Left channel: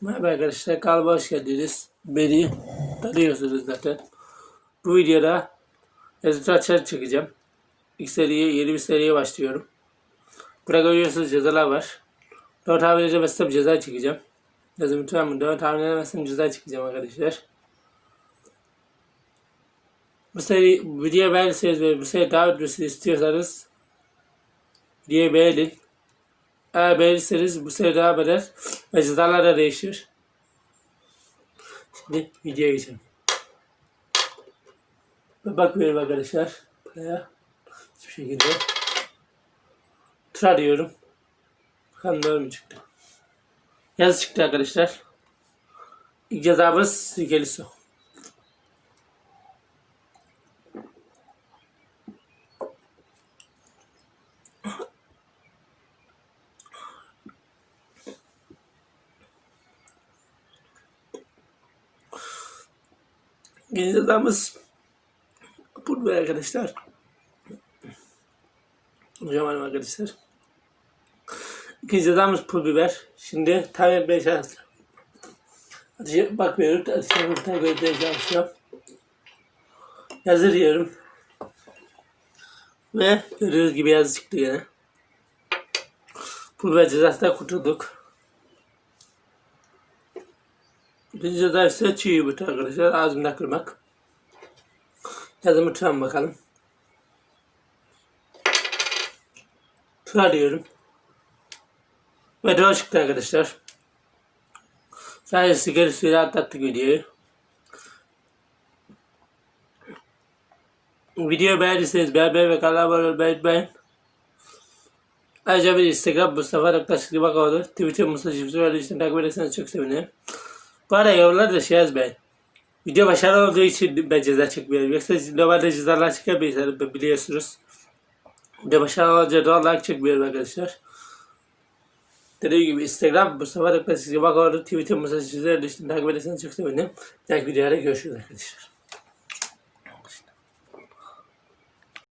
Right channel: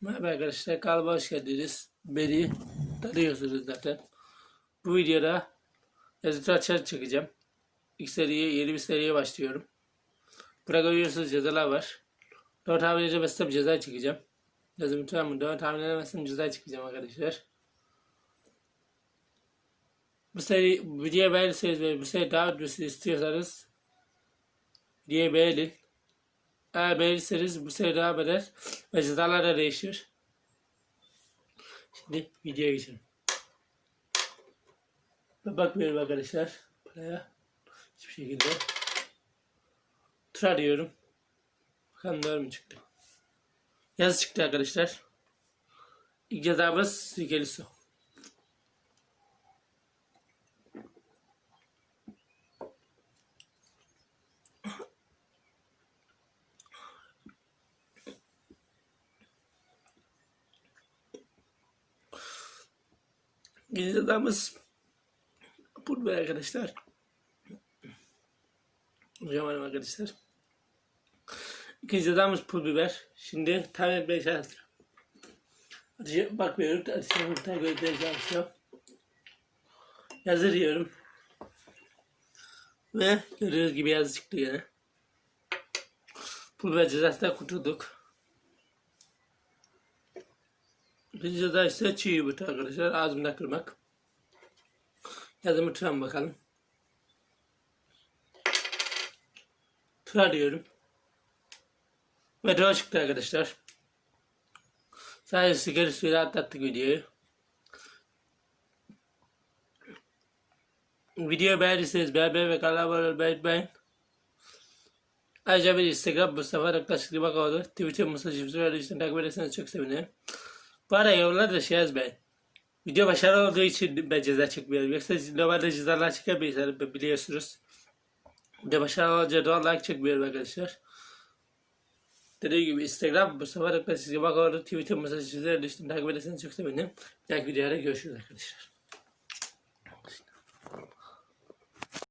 Merhaba arkadaşlar, kanalıma hoş geldiniz. Beni tanıyorsunuz zaten. Bu videoda yazıcı açar çekeceğim. İlk seriye, yeni bir seriye başlıyorum. Burada görüyorsunuz cezalar var. Doğru tahmin edemezsem ceza çekeceğim. Yazım lütfen bunu doğru tahmin edemezsem ceza çekeceğim arkadaşlar. Bu seri videoya beğenirseniz ve bu seri daha ötmesini istiyorsanız videoyu beğenin. Eğer beğenirseniz bu seri devam eder ve cezalar da değişir. Şimdi videoya geçelim. Ve bakmıyorum arkadaşlar. Buraya. Hiçbir şekilde. Tura diyorum. Bakalım doğru mu çıktı. Yazı çıktı arkadaşlar. İlk cezamız sirkeli su. Cezamız pul biber arkadaşlar. Hocam arkadaşlar. İkinci cezamız pul biber. Şimdi tam yapmaya çalışacağım. Hadi bakmıyorum. Hadi sen burada görmeye çalışacağım. Yazı diyorum. Ve gördüğünüz gibi yazı yine. Pul biber cezasından kurtulduk. Ceza ise çiğ yumurta arkadaşlar. Ağzımda kırmak. Yazımı tutan bakalım. Tura diyorum. Ve doğru çıktı arkadaşlar. Sadece suyla atlattık videoyu. Videoyu beğendiyseniz beğenmeyi ve kanala abone olmayı unutmayın. Ayrıca bir Instagram Mustafa Raktaş Limak oldu. Twitter Mustafa Cipsi var. için takip ederseniz çok sevinirim. Bu arada yorumlarda da şey yazmayın. Video başarılı olduğu için ben ceza çekmiyorum. Yoksa normalde cezalar çekemeyiz biliyorsunuz. Video başarılı olunca doğal like çekmiyorum arkadaşlar. Dediğim gibi Instagram Mustafa Raktaş Limak oldu. Twitter Mustafa Cipsi var. için takip ederseniz çok sevinirim. Bir dahaki videoda görüşürüz arkadaşlar.